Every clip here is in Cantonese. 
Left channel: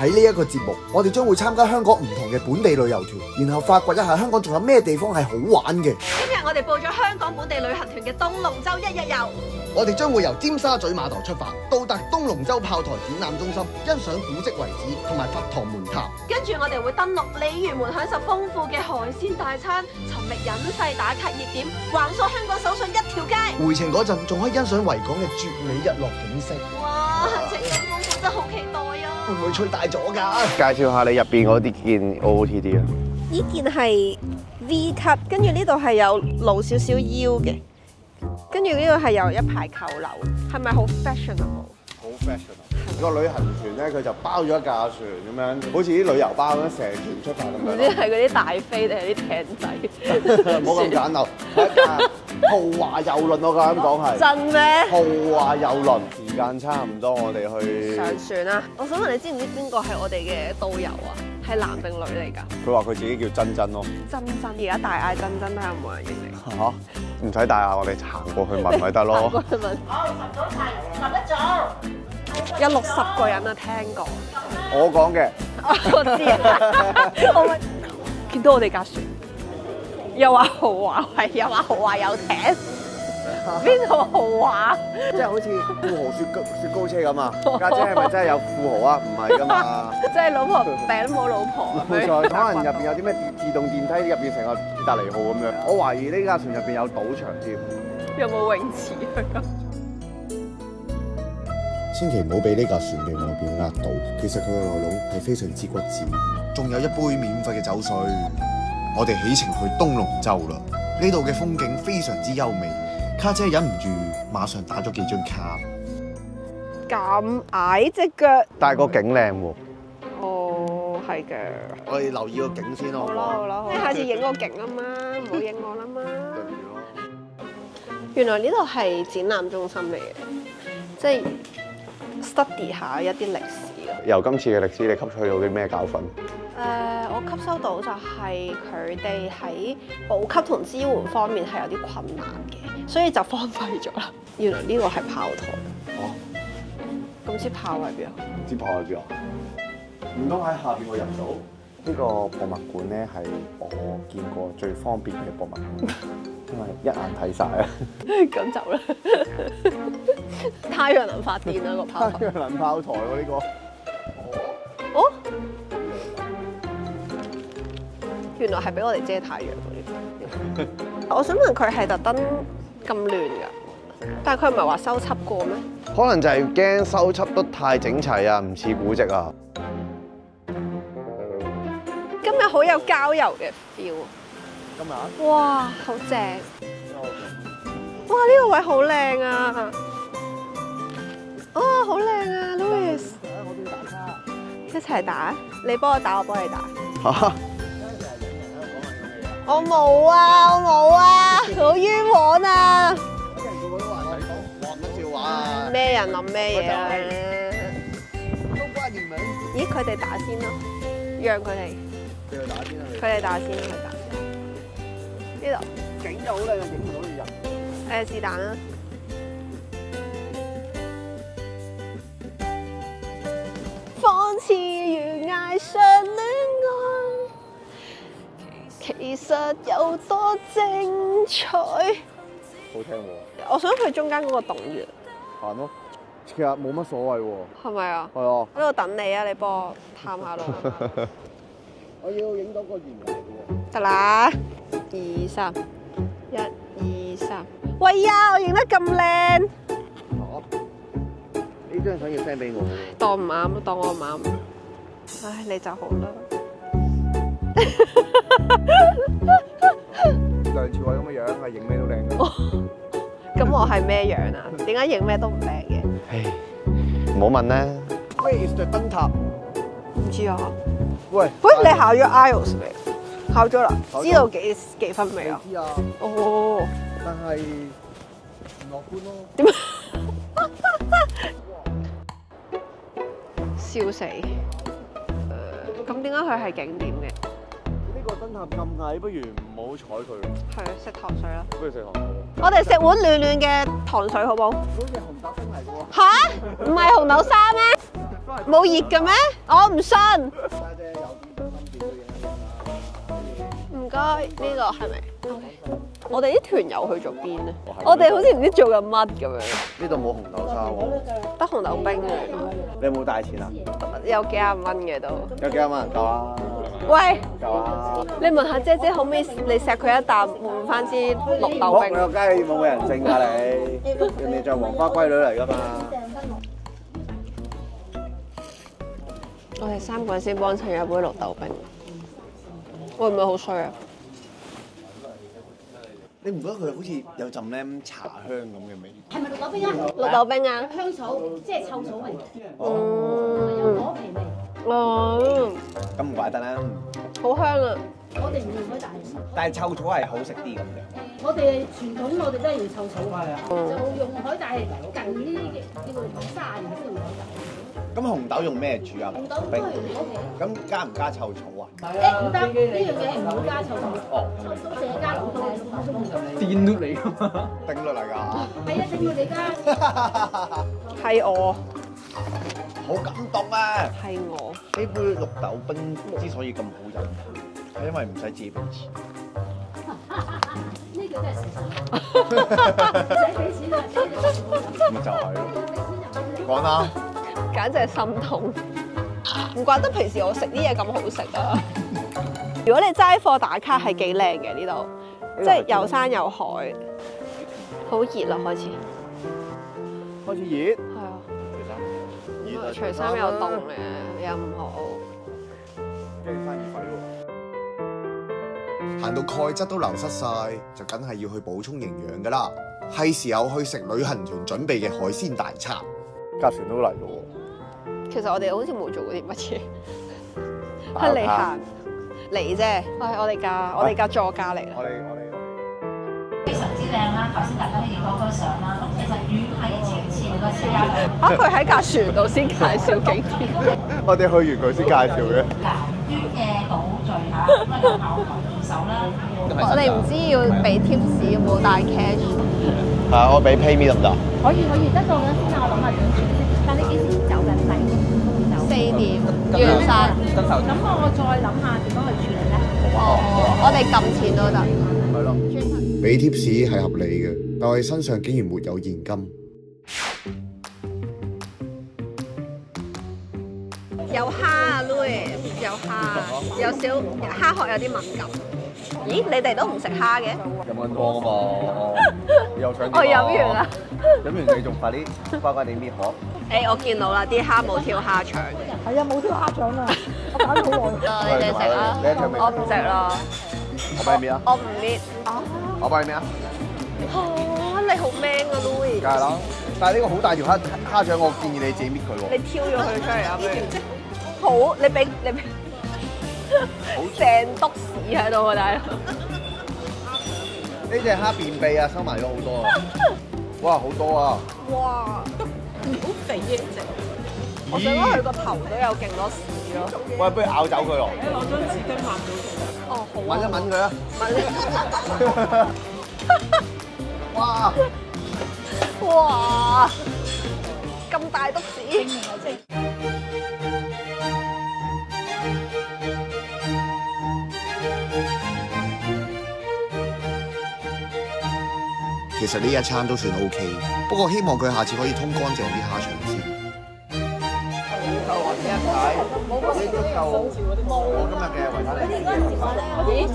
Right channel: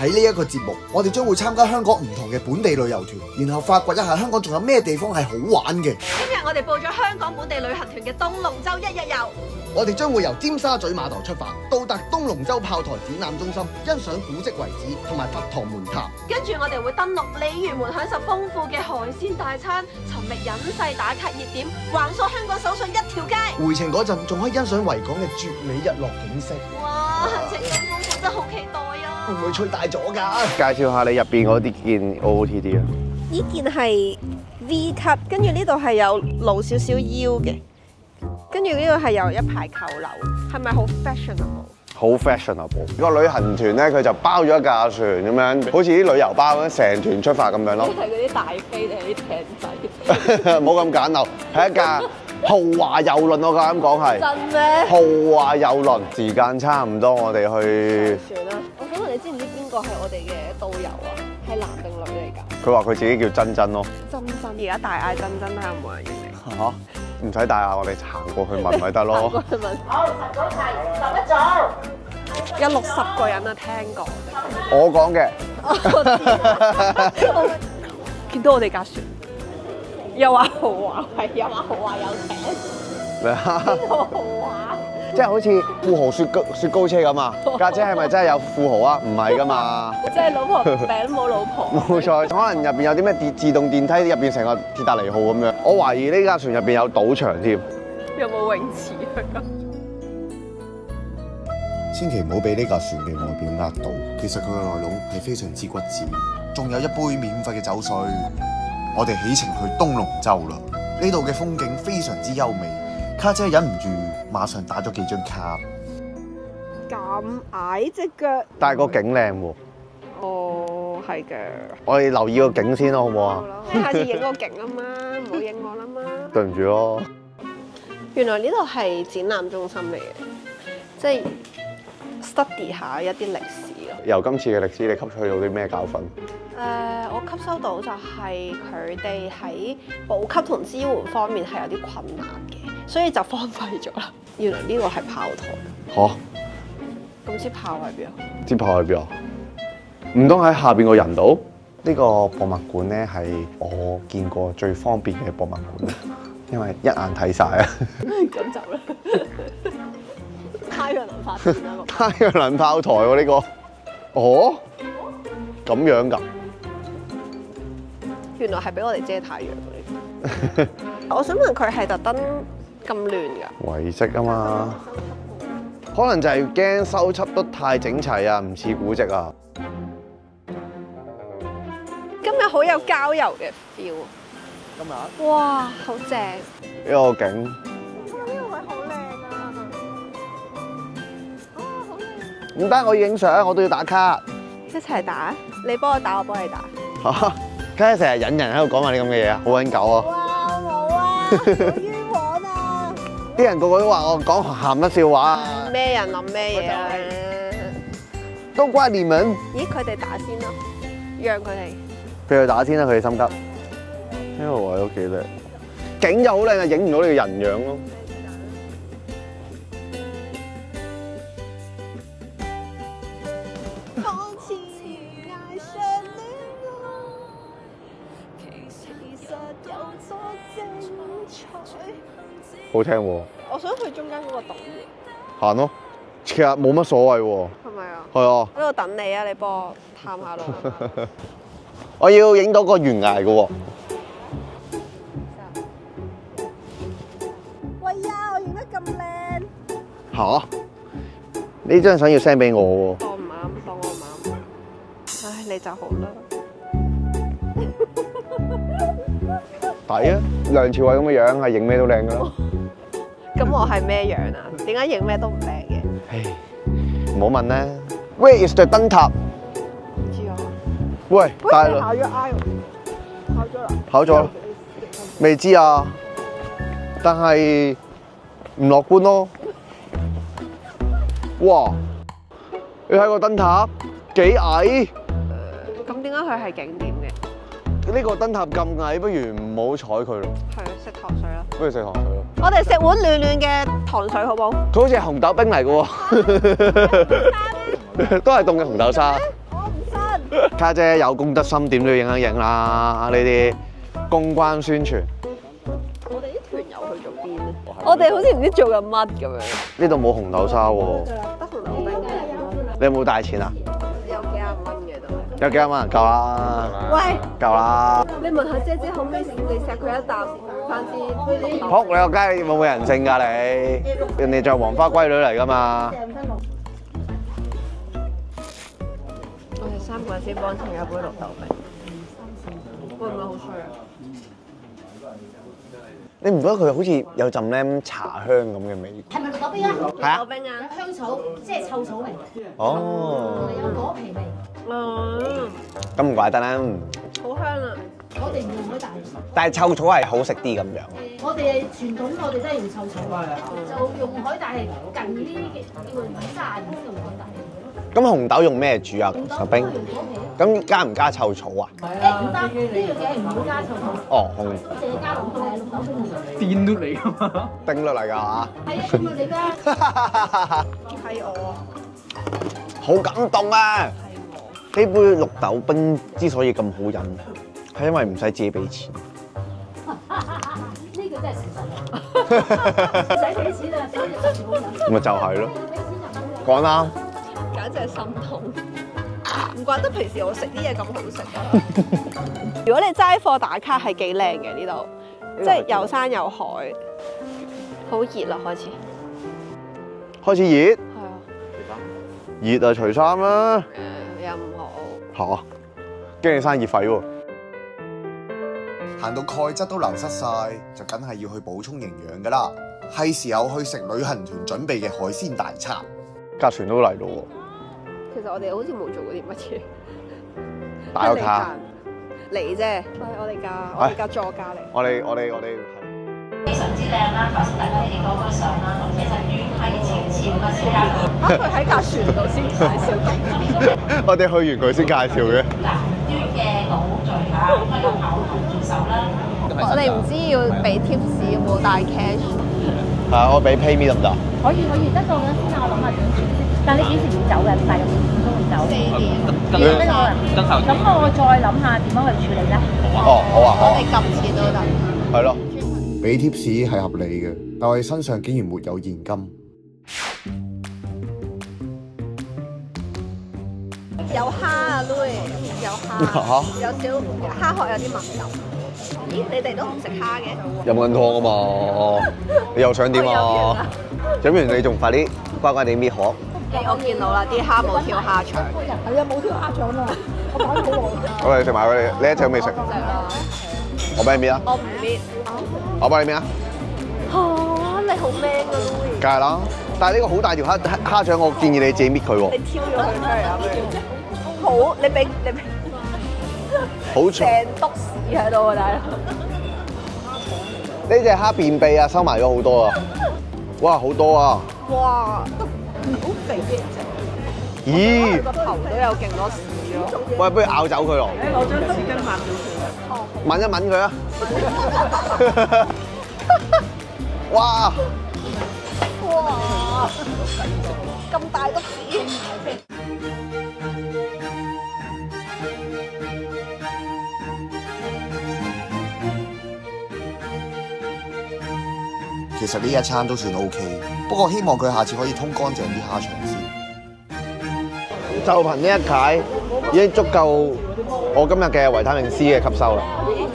喺呢一個節目，我哋將會參加香港唔同嘅本地旅遊團，然後發掘一下香港仲有咩地方係好玩嘅。今日我哋報咗香港本地旅行團嘅東龍洲一日遊。我哋將會由尖沙咀碼頭出發，到達東龍洲炮台展覽中心，欣賞古蹟遺址同埋佛堂門塔。跟住我哋會登陸鯉魚門，享受豐富嘅海鮮大餐，尋覓隱世打卡熱點，橫掃香港手信一條街。回程嗰陣仲可以欣賞維港嘅絕美日落景色。哇，行程咁豐富，真係好期待啊！會唔會吹大咗㗎？介紹下你入邊嗰啲件 OOTD 啊？呢件係 V 級，跟住呢度係有露少少腰嘅，跟住呢度係有一排扣鈕，係咪好 fashionable？好 fashionable。個旅行團咧，佢就包咗一架船咁樣，好似啲旅遊巴咁樣，成團出發咁樣咯。係嗰啲大飛定係啲艇仔？冇咁簡陋，係一架豪華遊輪，我夠膽講係。真咩？豪華遊輪，時間差唔多，我哋去。船啊！我想問你知唔知邊個係我哋嘅導遊啊？係男定女嚟㗎？佢話佢自己叫珍珍咯。珍珍，而家大嗌珍珍睇下有冇人認你。嚇？唔使帶啊，我哋行過去問咪得咯。過去問。好，十一組。有60個人啊，聽過。我講嘅。我知。我見到我哋架船，又話豪華，係又話豪華遊艇。邊個豪華？即係好似富豪雪糕車咁啊！家姐係咪真係有富豪啊？唔係㗎嘛。即係老婆餅冇老婆。冇錯，可能入邊有啲咩自動電梯，入邊成個鐵達尼號咁樣。我懷疑呢架船入邊有賭場添。有冇泳池啊？千祈唔好俾呢架船嘅外表呃到，其實佢嘅內籠係非常之骨子，仲有一杯免費嘅酒水。我哋起程去東龍洲啦，呢度嘅風景非常之優美，卡姐忍唔住馬上打咗幾張卡。咁矮隻腳。但係個景靚喎。哦，係嘅。我哋留意個景先咯，好唔好啊？你下次影個景啊嘛，唔好影我啦嘛。對唔住咯。原來呢度係展覽中心嚟嘅，即係 study 下一啲歷史咯。由今次嘅歷史，你吸取到啲咩教訓？我吸收到就係佢哋喺補給同支援方面係有啲困難嘅，所以就荒廢咗啦。原來呢個係炮台。嚇？咁支炮喺邊啊？支炮喺邊啊？唔通喺下邊個人度？呢個博物館咧係我見過最方便嘅博物館，因為一眼睇晒啊！咁就啦。太陽能發電啊！太陽能炮台喎呢個。哦？哦？咁樣㗎？原來係俾我哋遮太陽嘅。我想問佢係特登咁亂㗎？遺跡啊嘛。但係佢唔係話修葺過咩？可能就係驚修葺得太整齊啊，唔似古蹟啊。今日好有郊遊嘅 feel。今日？哇，好正！呢個景。哇，呢個位好靚啊！哦，好靚啊！唔得，我要影相，我都要打卡。一齊打？你幫我打，我幫你打。嚇！家姐成日引人喺度講埋啲咁嘅嘢啊，好撚狗冇啊！啊，我冇啊，好冤枉啊！啲人個個都話我講鹹濕笑話啊！咩人諗咩嘢啊？都關你們。咦，佢哋打先咯，讓佢哋。俾佢打先啦，佢哋心得。佢哋打先，佢哋打先。呢個位都幾靚。呢度。景就好靚啊，影唔到你嘅人樣咯。是但啦。仿似懸崖上戀愛，其實有多精彩。好聽喎。我想去中間嗰個洞穴。行咯，其實冇乜所謂喎。係咪啊？係啊。喺度等你啊！你幫我探下路。我要影到個懸崖嘅喎。得啦，2、3，1、2、3。喂呀！我影得咁靚。嚇？呢張相要 send 俾我喎。當唔啱，當我唔啱。唉，你就好啦。抵啊！梁朝偉咁嘅樣係影咩都靚㗎。咁我係咩樣啊？點解影咩都唔靚嘅？唉，唔好問啦。Where is the 燈塔？唔知啊。喂，你考咗 IELTS 未？考咗啦。考咗。知道幾分未？未知啊。哦。但係唔樂觀咯。點？哇！你睇個燈塔。笑死。幾矮？咁點解佢係景點嘅？呢個燈塔咁矮，不如唔好睬佢咯。係食糖水啦。不如食糖水啦。我哋食碗暖暖嘅糖水好冇？佢好似係紅豆冰嚟嘅喎。嚇？唔係紅豆沙咩？都係凍冇紅豆沙熱嘅咩？？我唔信。家姐有公德心，點都要影一影啦！呢啲唔該。公關宣傳。我哋啲團友去咗邊咧？我哋好似唔知做緊乜咁樣。呢度冇紅豆沙喎，得紅豆冰，你有冇帶錢啊？有幾廿蚊嘅都。有幾多蚊？夠啦，喂，夠啦。你問下姐姐可唔可以你錫佢一啖換翻支綠豆好，你冰？個雞冇冇人性㗎你？人哋就係黃花閨女嚟㗎嘛。我哋3個人先幫襯一杯綠豆冰，會唔會好衰啊？你唔覺得佢好似有陣咧茶香咁嘅味？係咪綠豆冰啊？綠豆冰啊！香草，即係臭草味，哦，有果皮味。咁唔怪得啦。好香啊！我哋唔用海帶，但係臭草係好食啲咁樣。我哋傳統我哋都係用臭草，就用海帶係近啲叫做炸然之後用海帶。咁紅豆用咩煮啊？個冰？咁加唔加臭草啊？誒唔得，呢樣嘢唔好加臭草，哦，我淨係加綠豆冰。電碌嚟㗎嘛？冰落嚟㗎嚇。係啊，咁你加。係我，好感動啊！係我。呢杯綠豆冰之所以咁好飲，係因為唔使自己俾錢。呢個真係事實。唔使俾錢啊，俾咗全部飲。咪就係咯，俾錢就講啱。簡直係心痛，唔怪得平時我食啲嘢咁好食啊！如果你齋貨打卡係幾靚嘅呢度，即係有山有海，好熱啦開始。開始熱，係啊，熱啊除衫啦又唔好。嚇，驚你生熱痱喎。行到鈣質都流失晒，就梗係要去補充營養㗎啦。係時候去食旅行團準備嘅海鮮大餐。架船都嚟咯其實我哋好似冇做過啲乜嘢，喎，打個卡。嚟啫。我哋架座駕嚟。我哋非常之靚啦！頭先大家見嗰個相啦，其實語係潮潮嘅車輛。佢喺架船度先介紹景點。我哋去完佢先介紹嘅。南端嘅島嶼嚇，咁啊有牛頭做手啦。我哋唔知要俾 tips 有冇帶 cash。係啊，我俾 PayMe 得唔得？可以得到嘅先啊，我諗下點算先。但你幾時要走嘅？大概幾點鐘走4點跟完咩啊？跟頭咁我再諗下點樣去處理咧。好啊，好啊，我哋撳錢都得。係咯。俾 tips 係合理嘅，但我哋身上竟然沒有現金。有蝦啊，Louis，有蝦，有少蝦殼有啲敏感。咦，你哋都唔食蝦嘅？飲緊湯啊嘛，你又想點啊？我飲完啦。飲完你仲快啲乖乖地搣殼。誒，我見到啦，啲蝦冇挑蝦腸。係啊，冇挑蝦腸喎，我擺咗好耐。好，你食埋佢，你一腸未食？唔食啦，我幫你搣啊！我唔搣。我幫你搣啊！你好 man 啊，Louis！梗係啦，但係呢個好大條蝦腸，我建議你自己搣佢喎。你挑咗佢出嚟啊，不如。好，你俾。好長。成篤屎喺度啊，大佬！呢隻蝦便秘啊，收埋咗好多啊！哇，好多啊！哇！咦？佢個頭都有勁多屎咯。喂，不如咬走佢咯。我將紙巾抹咗佢。吻一吻佢啊！哇！哇！咁大篤屎！其實呢一餐都算 OK，不過希望佢下次可以通乾淨啲蝦腸先。就憑呢一解已經足夠我今日嘅維他命 C 嘅吸收啦。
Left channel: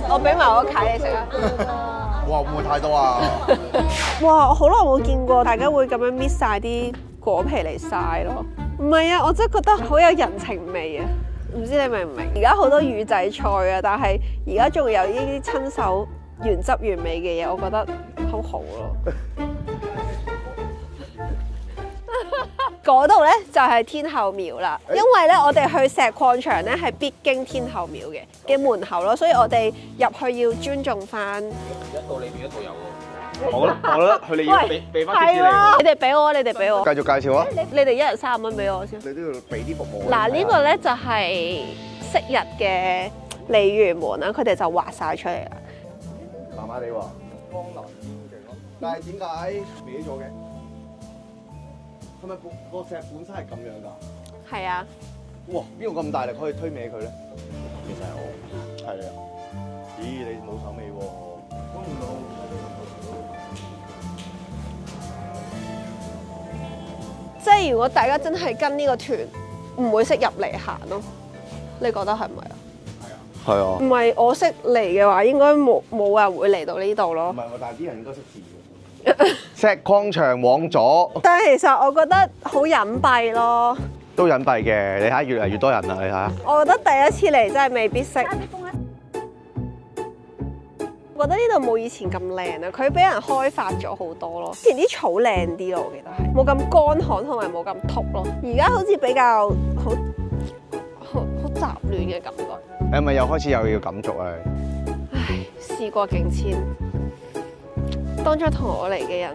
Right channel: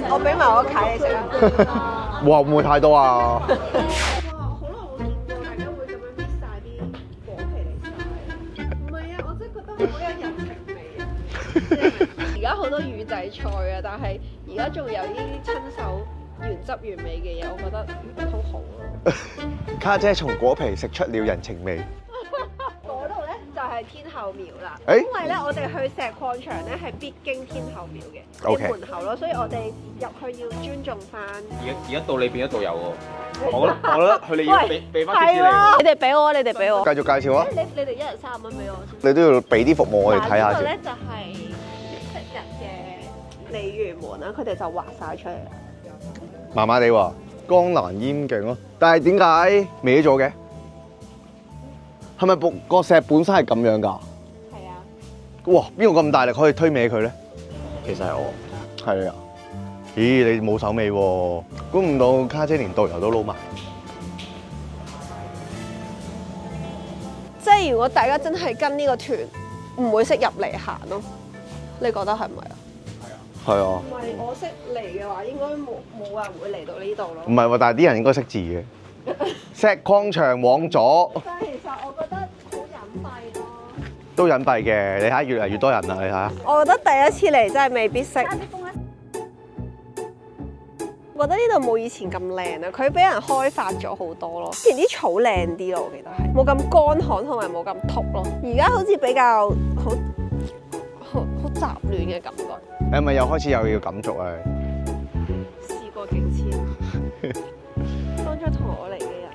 我俾埋我契你食啊！哇，會唔會太多啊？哇！我好耐冇見過大家會咁樣搣晒啲果皮嚟曬咯。唔係啊，我真係覺得好有人情味啊！唔知你明唔明？而家好多魚仔菜啊，但係而家仲有呢啲親手原汁原味嘅嘢，我覺得好好咯。家姐從果皮食出了人情味。嗰度咧就係天后廟啦，因為咧我哋去石礦場咧係必經天后廟嘅 OK 門口咯，所以我哋入去要尊重翻。而家到你變咗導遊喎，我覺得佢哋要俾翻啲係咯，你哋俾我，你哋俾我。繼續介紹啊！你哋一人30蚊俾我先。你都要俾啲服務我哋睇嗱，下。呢個咧就係昔日嘅鯉魚門啦，佢哋就畫晒出嚟啦。麻麻地喎，江南煙景咯。但係點解歪咗嘅？係咪個石本身係咁樣㗎？係啊，哇！邊個咁大力可以推歪佢咧？其實係我。係啊。咦，你冇手尾喎！估唔到卡姐連導遊都撈埋。即係如果大家真係跟呢個團，唔會識入嚟行咯。你覺得係咪啊？係啊唔。係我識嚟嘅話，應該冇人會嚟到呢度咯唔。係喎，但係啲人應該識字嘅。石礦場往左但係其實我覺得好隱蔽咯。都隱蔽嘅，你睇下越嚟越多人啦，你睇下。我覺得第一次嚟真係未必識。我覺得呢度冇以前咁靚啊，佢俾人開發咗好多咯。以前啲草靚啲咯，我記得係冇咁乾旱同埋冇咁禿咯。而家好似比較好雜亂嘅感覺。你係咪又開始又要感觸啊？唉，事過境遷，當初同我嚟嘅人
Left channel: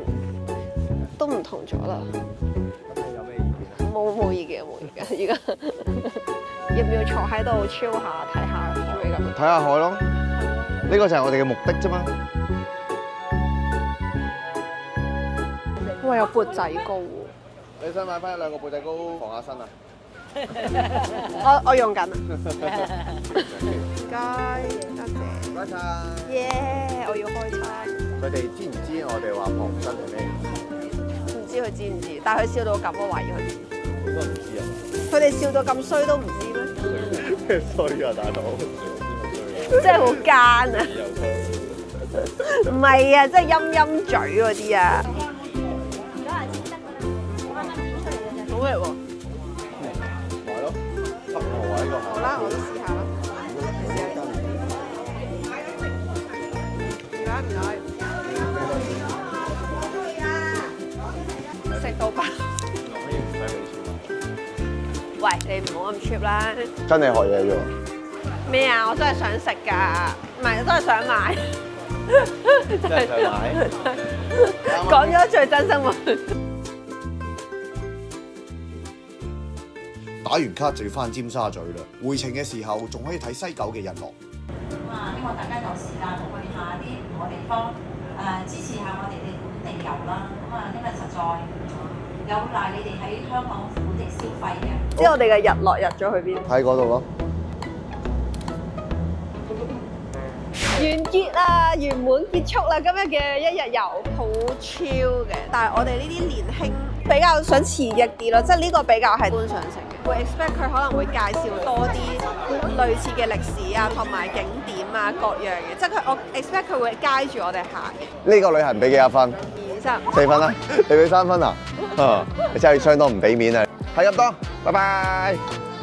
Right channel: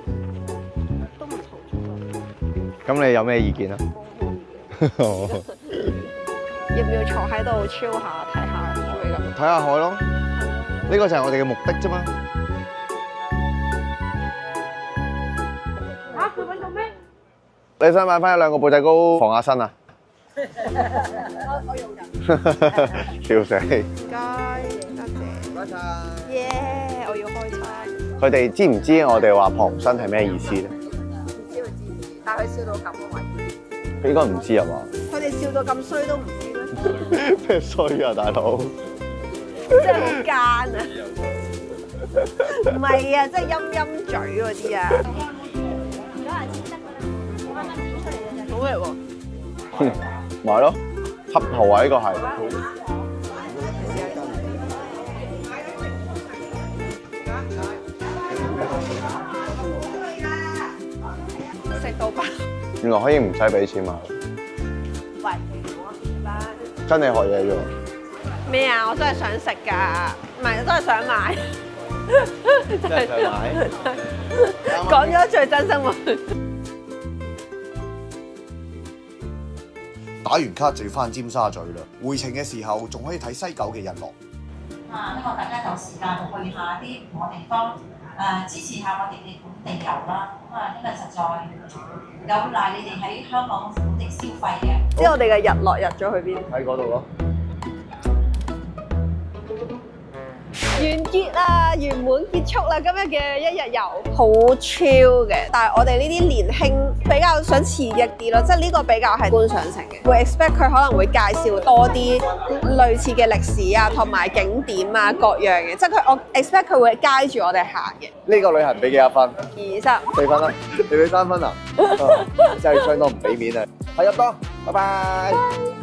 都唔同咗啦。咁你有咩意見啊？冇意見，而家要唔要坐喺度 chill 下睇下做咩咁？睇下海咯，呢個就係我哋嘅目的啫嘛。哇！有缽仔糕喎，你想買翻一兩個缽仔糕防下身啊？我用緊。笑死！唔該，多謝。唔該晒。耶！我要開餐。佢哋知唔知我哋話旁身係咩意思咧？唔知佢知唔知？但係佢笑到咁，我懷疑佢知。佢應該唔知啊嘛？佢哋笑到咁衰都唔知咩？咩衰啊，大佬！真係好奸啊！唔係啊，即係陰陰嘴嗰啲啊。好味喎！買咯，合桃啊呢個係。好啦，我試下啦。食到飽。原來可以唔使俾錢買，喂，你唔好咁 cheap 啦。跟你學嘢啫喎。咩啊？我真係想食㗎，唔係真係想買。真係想買。講咗最真生活。打完卡就要翻尖沙咀啦。回程嘅時候仲可以睇西九嘅日落。希望大家有時間去下啲唔同地方，支持下我哋嘅本地遊啦。因為實在有賴你哋喺香港本地消費嘅。即係我哋嘅日落日咗去邊？喺嗰度咯。完結啦，圓滿結束啦！今日嘅一日遊好 chill 嘅，但係我哋呢啲年輕比較想刺激啲咯，即係呢個比較係觀賞性嘅。會 expect 佢可能會介紹多啲類似嘅歷史啊，同埋景點啊各樣嘅，即係我 expect 佢會街住我哋行嘅。呢個旅行俾幾多分20 ？4分啦，你俾3分啊？你真係相當唔俾面啊！係咁多，拜拜。